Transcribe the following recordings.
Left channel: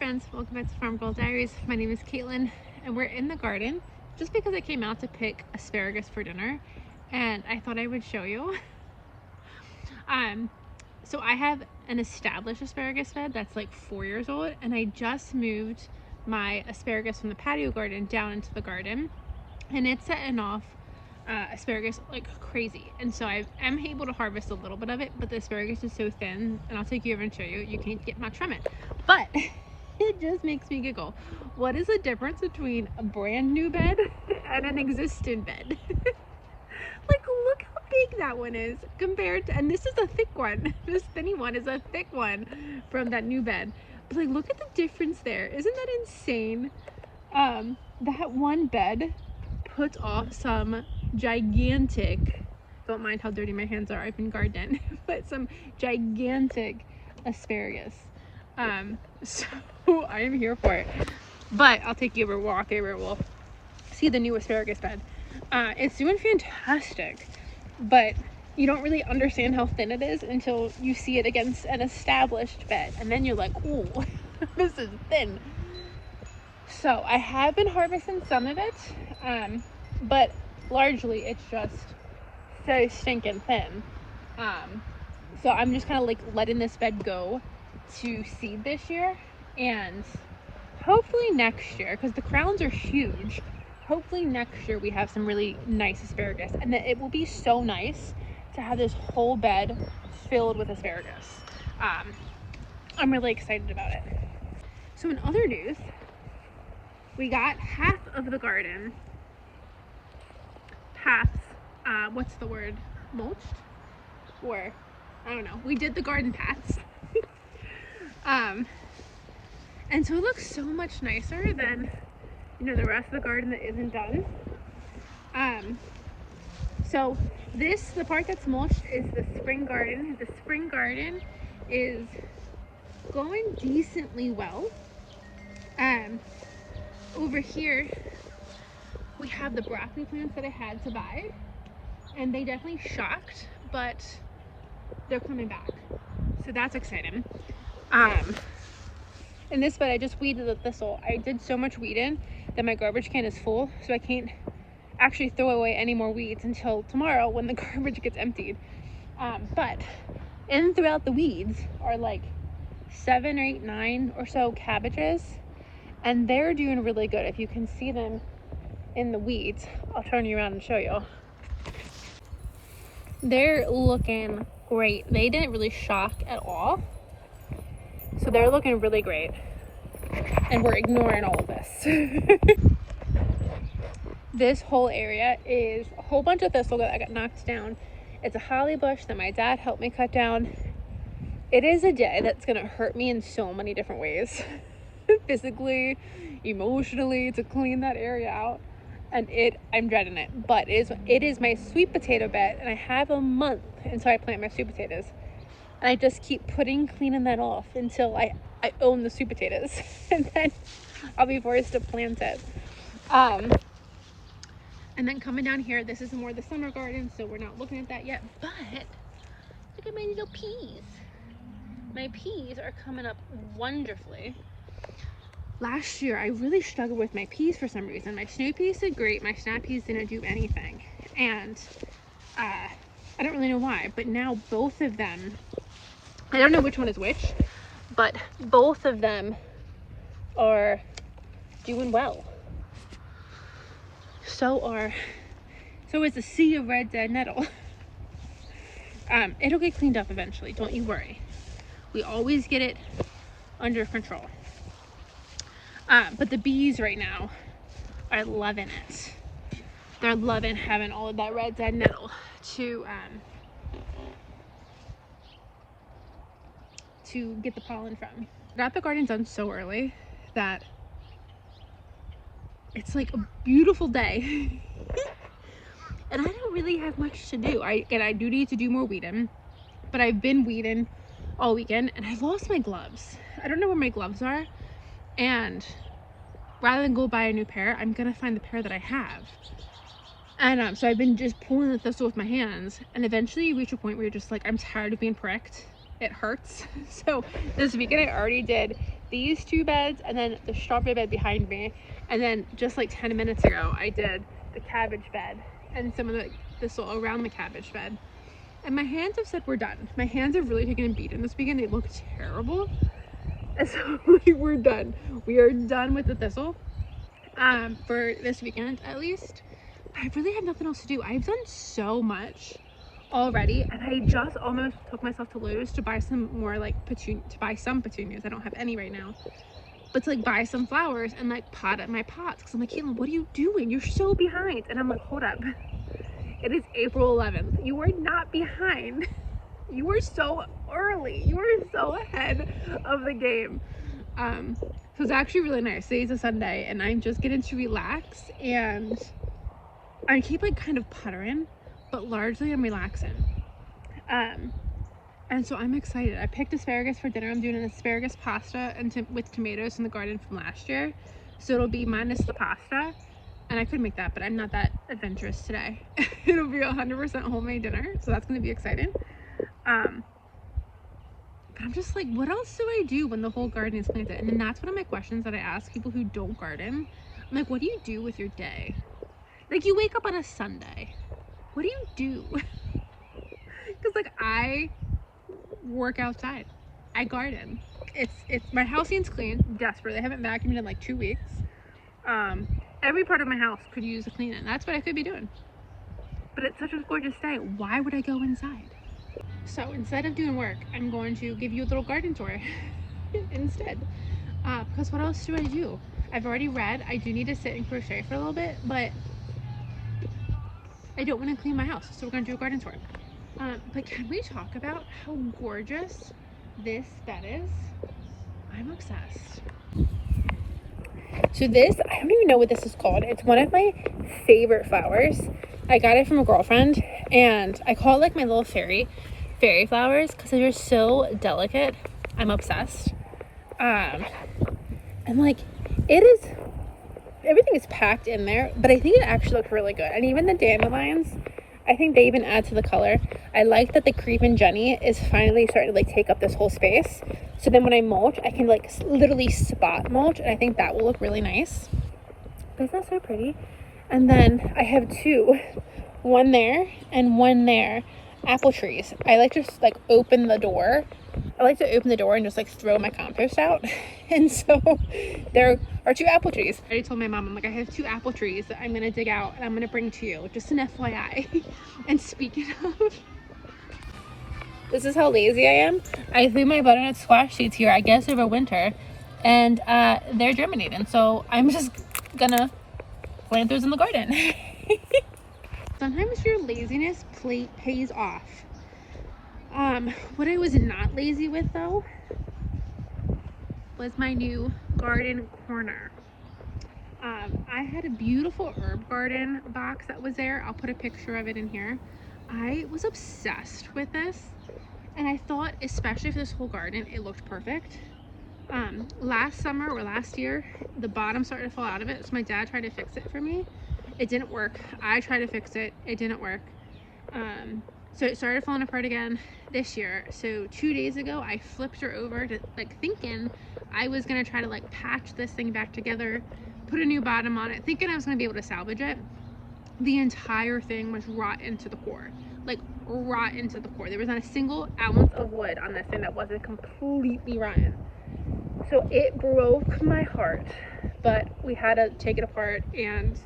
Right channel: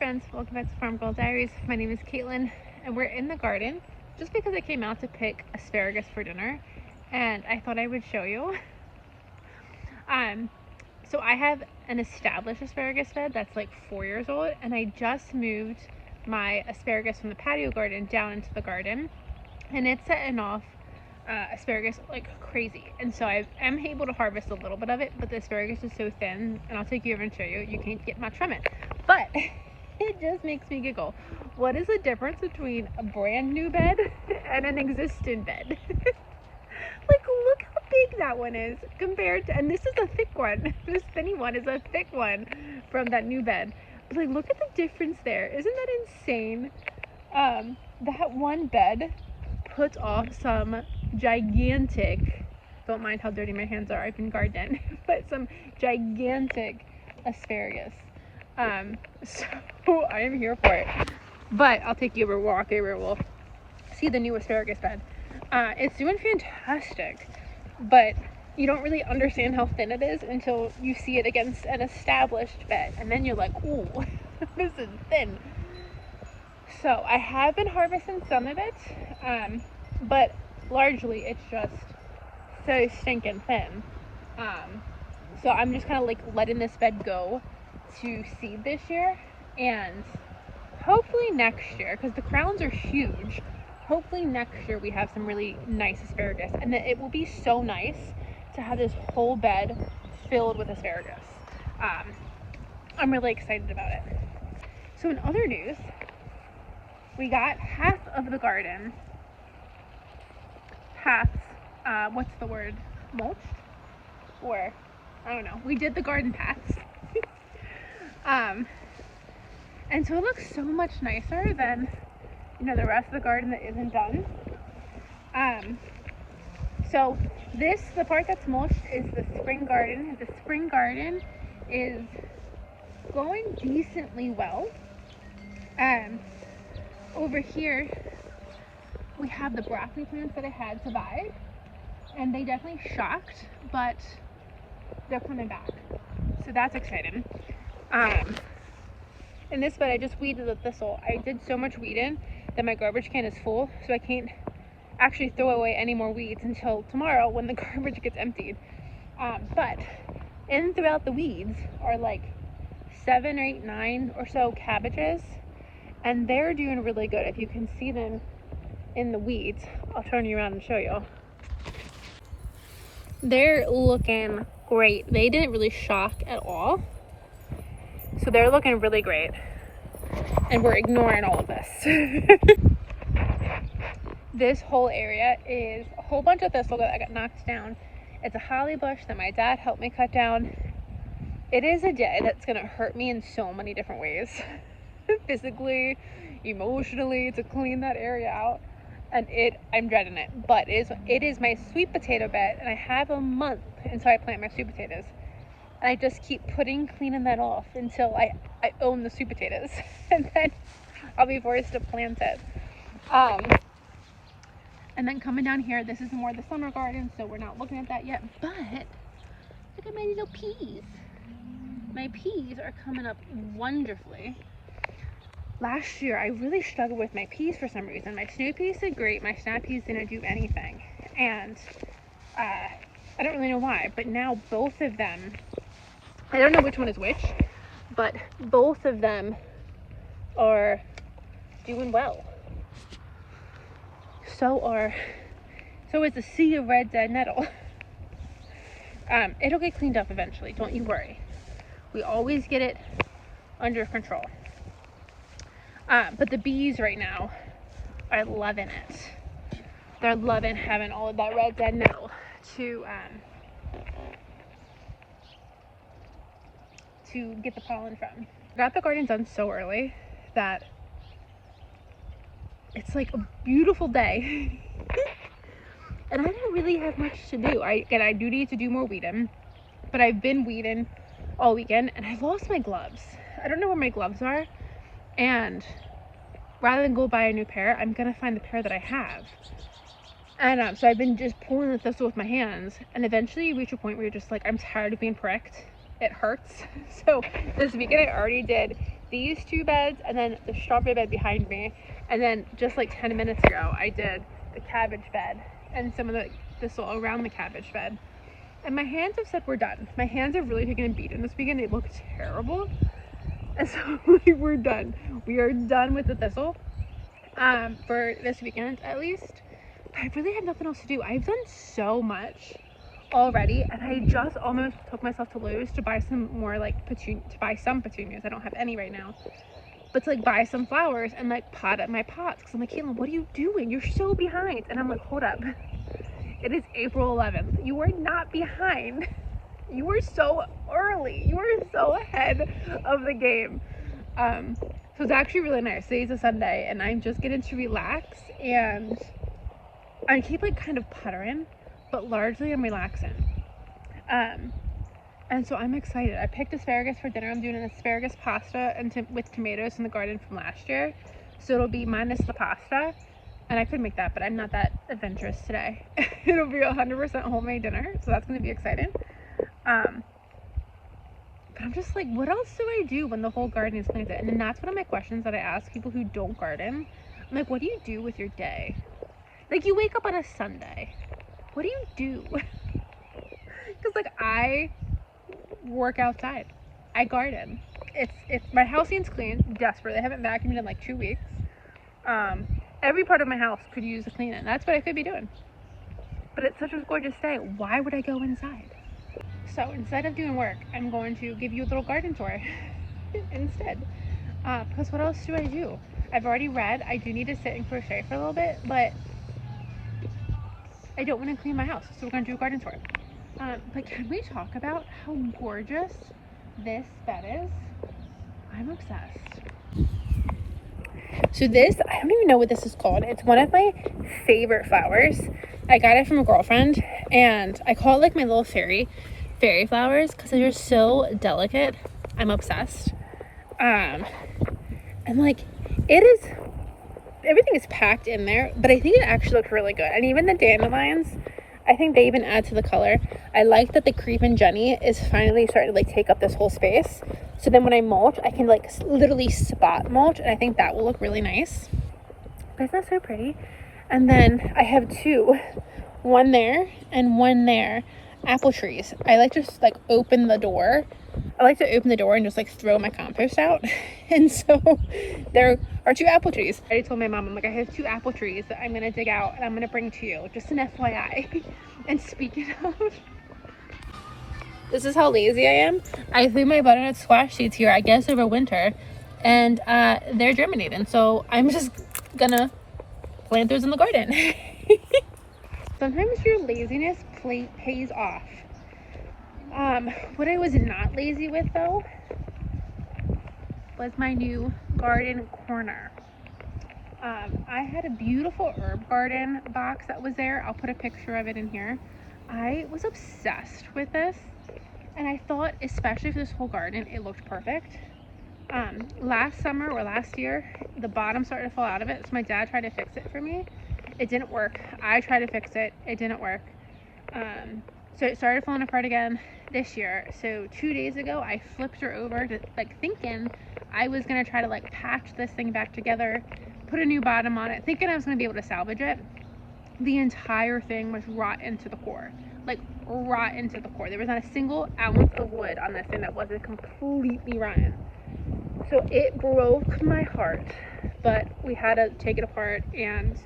friends, welcome back to Farm Girl Diaries. My name is Caitlin and we're in the garden just because I came out to pick asparagus for dinner and I thought I would show you. So I have an established asparagus bed that's like 4 years old, and I just moved my asparagus from the patio garden down into the garden, and it's setting off asparagus like crazy. And so I am able to harvest a little bit of it, but the asparagus is so thin, and I'll take you over and show you, you can't get much from it. But it just makes me giggle. What is the difference between a brand new bed and an existing bed? Like, look how big that one is compared to, and this is a thick one. This thinny one is a thick one from that new bed. But like, look at the difference there. Isn't that insane? That one bed puts off some gigantic, don't mind how dirty my hands are, I've been gardening, but some gigantic asparagus. So I am here for it. But I'll take you over, walk over, we'll see the new asparagus bed. It's doing fantastic, but you don't really understand how thin it is until you see it against an established bed, and then you're like, oh, this is thin. So I have been harvesting some of it, but largely it's just so stinking thin. So I'm just kind of like letting this bed go to seed this year, and hopefully next year, because the crowns are huge, hopefully next year we have some really nice asparagus, and then it will be so nice to have this whole bed filled with asparagus. I'm really excited about it. So in other news, we got half of the garden, what's the word, mulched? Or, I don't know, we did the garden paths. And so it looks so much nicer than, you know, the rest of the garden that isn't done. So the part that's mulched is the spring garden. The spring garden is going decently well. Over here we have the broccoli plants that I had to buy, and they definitely shocked, but they're coming back, so that's exciting. In this bed I just weeded the thistle. I did so much weeding that my garbage can is full, so I can't actually throw away any more weeds until tomorrow when the garbage gets emptied. But in throughout the weeds are like 7 or 8, 9 or so cabbages, and they're doing really good. If you can see them in the weeds, I'll turn you around and show you. They're looking great. They didn't really shock at all, so they're looking really great, and we're ignoring all of this. This whole area is a whole bunch of thistle that I got knocked down. It's a holly bush that my dad helped me cut down. It is a day that's gonna hurt me in so many different ways. Physically, emotionally, to clean that area out. And I'm dreading it. But it is my sweet potato bed, and I have a month until I plant my sweet potatoes. And I just keep cleaning that off until I own the sweet potatoes. And then I'll be forced to plant it. And then coming down here, this is more the summer garden, so we're not looking at that yet. But look at my little peas. My peas are coming up wonderfully. Last year, I really struggled with my peas for some reason. My snow peas did great. My snap peas didn't do anything. And I don't really know why, but now both of them, I don't know which one is which, but both of them are doing well. So is the sea of red dead nettle. It'll get cleaned up eventually, don't you worry. We always get it under control. But the bees right now are loving it. They're loving having all of that red dead nettle to get the pollen from. I got the garden done so early that it's like a beautiful day. And I don't really have much to do. I do need to do more weeding, but I've been weeding all weekend, and I lost my gloves. I don't know where my gloves are, and rather than go buy a new pair, I'm gonna find the pair that I have. And so I've been just pulling the thistle with my hands, and eventually you reach a point where you're just like, I'm tired of being pricked. It hurts. So this weekend I already did these two beds and then the strawberry bed behind me. And then just like 10 minutes ago, I did the cabbage bed and some of the soil around the cabbage bed. And my hands have said we're done. My hands have really taken a beating this weekend. They look terrible. And so we're done. We are done with the thistle for this weekend at least. I really have nothing else to do. I've done so much already, and I just almost took myself to Lowe's to buy some more like some petunias. I don't have any right now, but to like buy some flowers and like pot up my pots, because I'm like, Caitlin, what are you doing? You're so behind. And I'm like, hold up, it is April 11th. You are not behind. You were so early. You were so ahead of the game. So it's actually really nice. Today's a Sunday and I'm just getting to relax, and I keep like kind of puttering, but largely I'm relaxing. And so I'm excited. I picked asparagus for dinner. I'm doing an asparagus pasta with tomatoes from the garden from last year. So it'll be minus the pasta. And I could make that, but I'm not that adventurous today. It'll be 100% homemade dinner. So that's going to be exciting. But I'm just like, what else do I do when the whole garden is planted? And that's one of my questions that I ask people who don't garden. I'm like, what do you do with your day? Like, you wake up on a Sunday. What do you do? Because like, I work outside. I garden. It's my house needs clean desperately. I haven't vacuumed in like 2 weeks. Every part of my house could use a clean, and that's what I could be doing. But it's such a gorgeous day. Why would I go inside? So instead of doing work, I'm going to give you a little garden tour instead. Because what else do I do? I've already read. I do need to sit and crochet for a little bit, but I don't want to clean my house, so we're going to do a garden tour. But can we talk about how gorgeous this bed is? I'm obsessed. So this, I don't even know what this is called. It's one of my favorite flowers. I got it from a girlfriend, and I call it like my little fairy flowers because they're so delicate. I'm obsessed. And like, everything is packed in there, but I think it actually looks really good. And even the dandelions, I think they even add to the color. I like that the Creep and Jenny is finally starting to like take up this whole space. So then when I mulch, I can like literally spot mulch, and I think that will look really nice. But isn't that so pretty? And then I have two, one there and one there, apple trees. I like to just like open the door. I like to open the door and just like throw my compost out. And so there are two apple trees. I already told my mom, I'm like, I have two apple trees that I'm gonna dig out and I'm gonna bring to you, just an FYI. And speaking of, this is how lazy I am. I threw my butternut squash seeds here, I guess over winter, and they're germinating. So I'm just gonna plant those in the garden. Sometimes your laziness pays off. What I was not lazy with though was my new garden corner. I had a beautiful herb garden box that was there. I'll put a picture of it in here. I was obsessed with this, and I thought, especially for this whole garden, it looked perfect. Last summer or last year, the bottom started to fall out of it, so my dad tried to fix it for me. It didn't work. I tried to fix it. It didn't work. So it started falling apart again this year. So 2 days ago, I flipped her over to like thinking I was gonna try to like patch this thing back together, put a new bottom on it, thinking I was gonna be able to salvage it. The entire thing was rot into the core, like rot into the core. There was not a single ounce of wood on this thing that wasn't completely rotten. So it broke my heart, but we had to take it apart and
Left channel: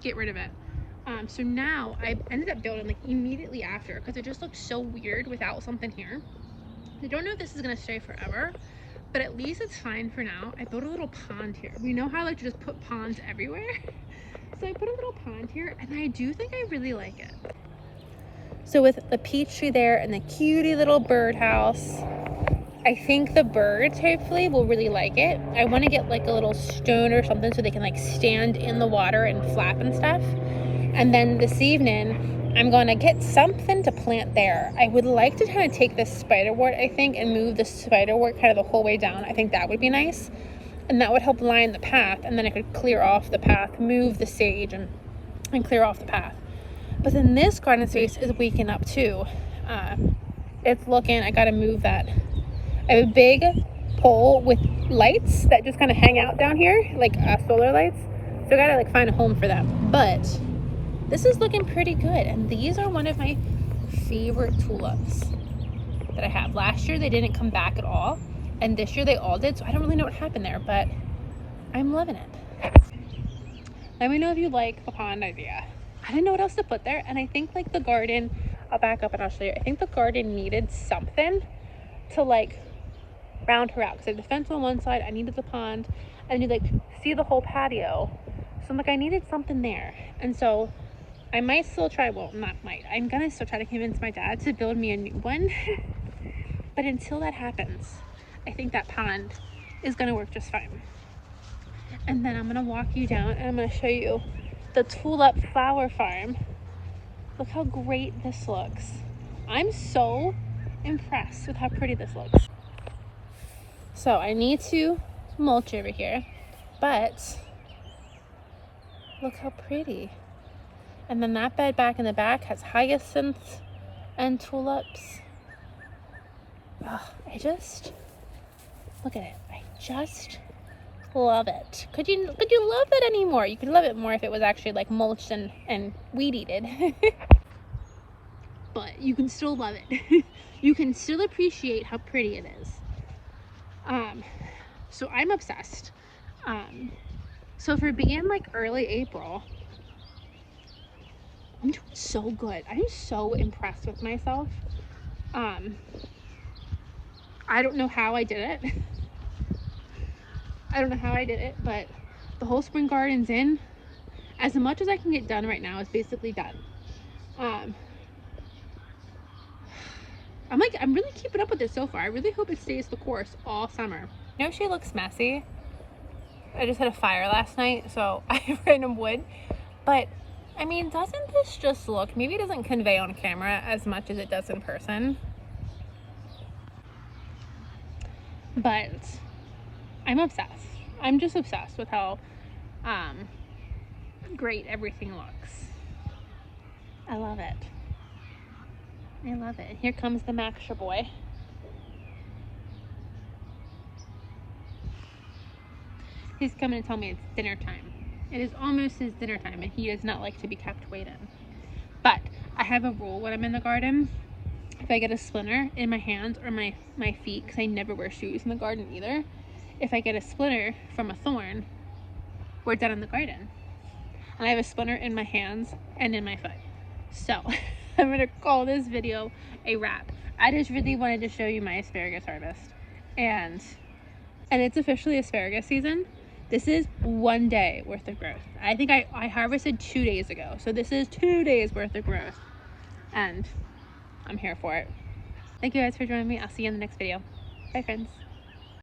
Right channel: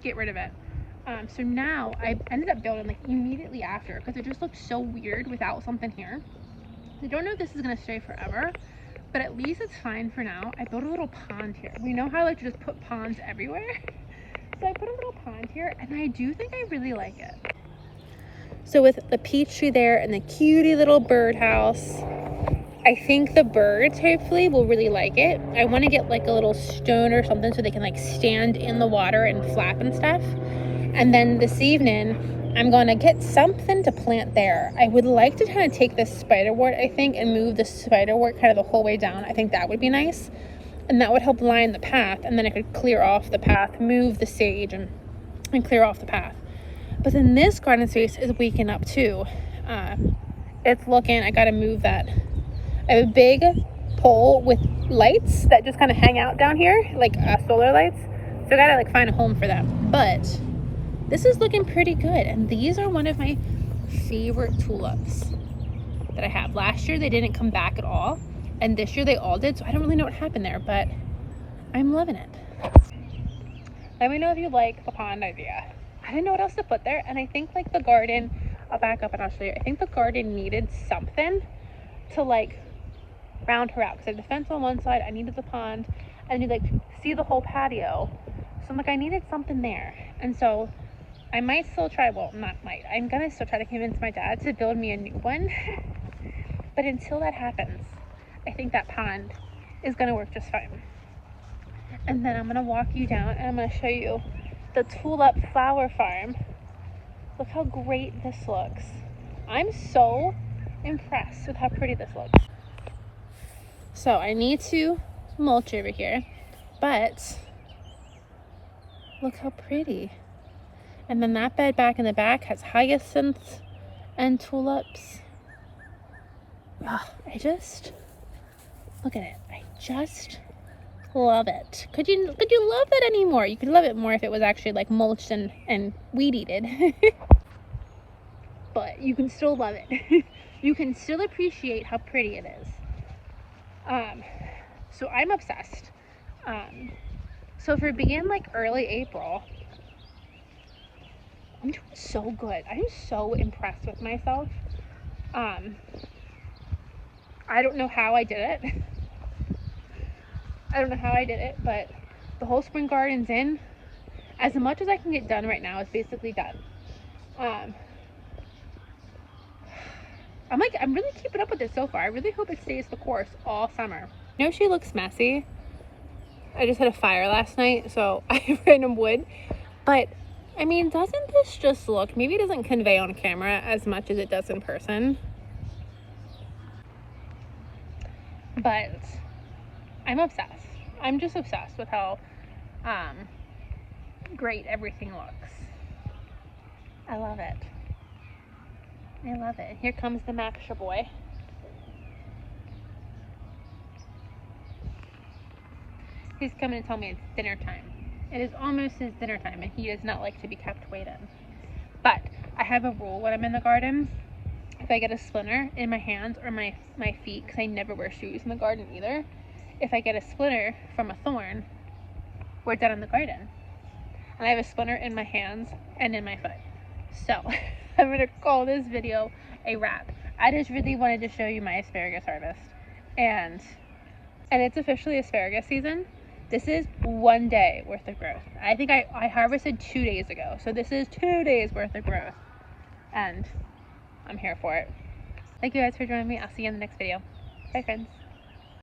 get rid of it. So now I ended up building like immediately after, because it just looked so weird without something here. I don't know if this is gonna stay forever, but at least it's fine for now. I built a little pond here. We know how I like to just put ponds everywhere. So I put a little pond here, and I do think I really like it. So with the peach tree there and the cutie little birdhouse, I think the birds hopefully will really like it. I want to get like a little stone or something so they can like stand in the water and flap and stuff. And then this evening, I'm going to get something to plant there. I would like to kind of take this spiderwort, I think, and move the spiderwort kind of the whole way down. I think that would be nice. And that would help line the path. And then I could clear off the path, move the sage, and clear off the path. But then this garden space is waking up too. It's looking, I got to move that. I have a big pole with lights that just kind of hang out down here, like solar lights. So I gotta like find a home for them. But this is looking pretty good. And these are one of my favorite tulips that I have. Last year they didn't come back at all. And this year they all did. So I don't really know what happened there, but I'm loving it. Let me know if you like the pond idea. I didn't know what else to put there. And I think like the garden, I'll back up and I'll show you. I think the garden needed something to like round her out. Because I had the fence on one side, I needed the pond, and you like see the whole patio. So I'm like, I needed something there. And so I might still try, well, not might, I'm gonna still try to convince my dad to build me a new one. But until that happens, I think that pond is gonna work just fine. And then I'm gonna walk you down and I'm gonna show you the tulip flower farm. Look how great this looks. I'm so impressed with how pretty this looks. So I need to mulch over here, but look how pretty. And then that bed back in the back has hyacinths and tulips. Oh, look at it. I just love it. Could you love it anymore? You could love it more if it was actually like mulched and weed eated. But you can still love it. You can still appreciate how pretty it is. So I'm obsessed. So for being like early April, I'm doing so good. I'm so impressed with myself. I don't know how I did it. I don't know how I did it, but the whole spring garden's in. As much as I can get done right now is basically done. I'm really keeping up with it so far. I really hope it stays the course all summer. I know she looks messy. I just had a fire last night, so I ran in wood. But, I mean, doesn't this just look, maybe it doesn't convey on camera as much as it does in person. But I'm obsessed. I'm just obsessed with how great everything looks. I love it. I love it. Here comes the Maksha boy. He's coming to tell me it's dinner time. It is almost his dinner time and he does not like to be kept waiting. But I have a rule when I'm in the garden. If I get a splinter in my hands or my feet, because I never wear shoes in the garden either. If I get a splinter from a thorn, we're done in the garden. And I have a splinter in my hands and in my foot. So I'm gonna call this video a wrap. I just really wanted to show you my asparagus harvest. And it's officially asparagus season. This is 1 day worth of growth. I think I harvested 2 days ago. So this is 2 days worth of growth. And I'm here for it. Thank you guys for joining me. I'll see you in the next video. Bye friends.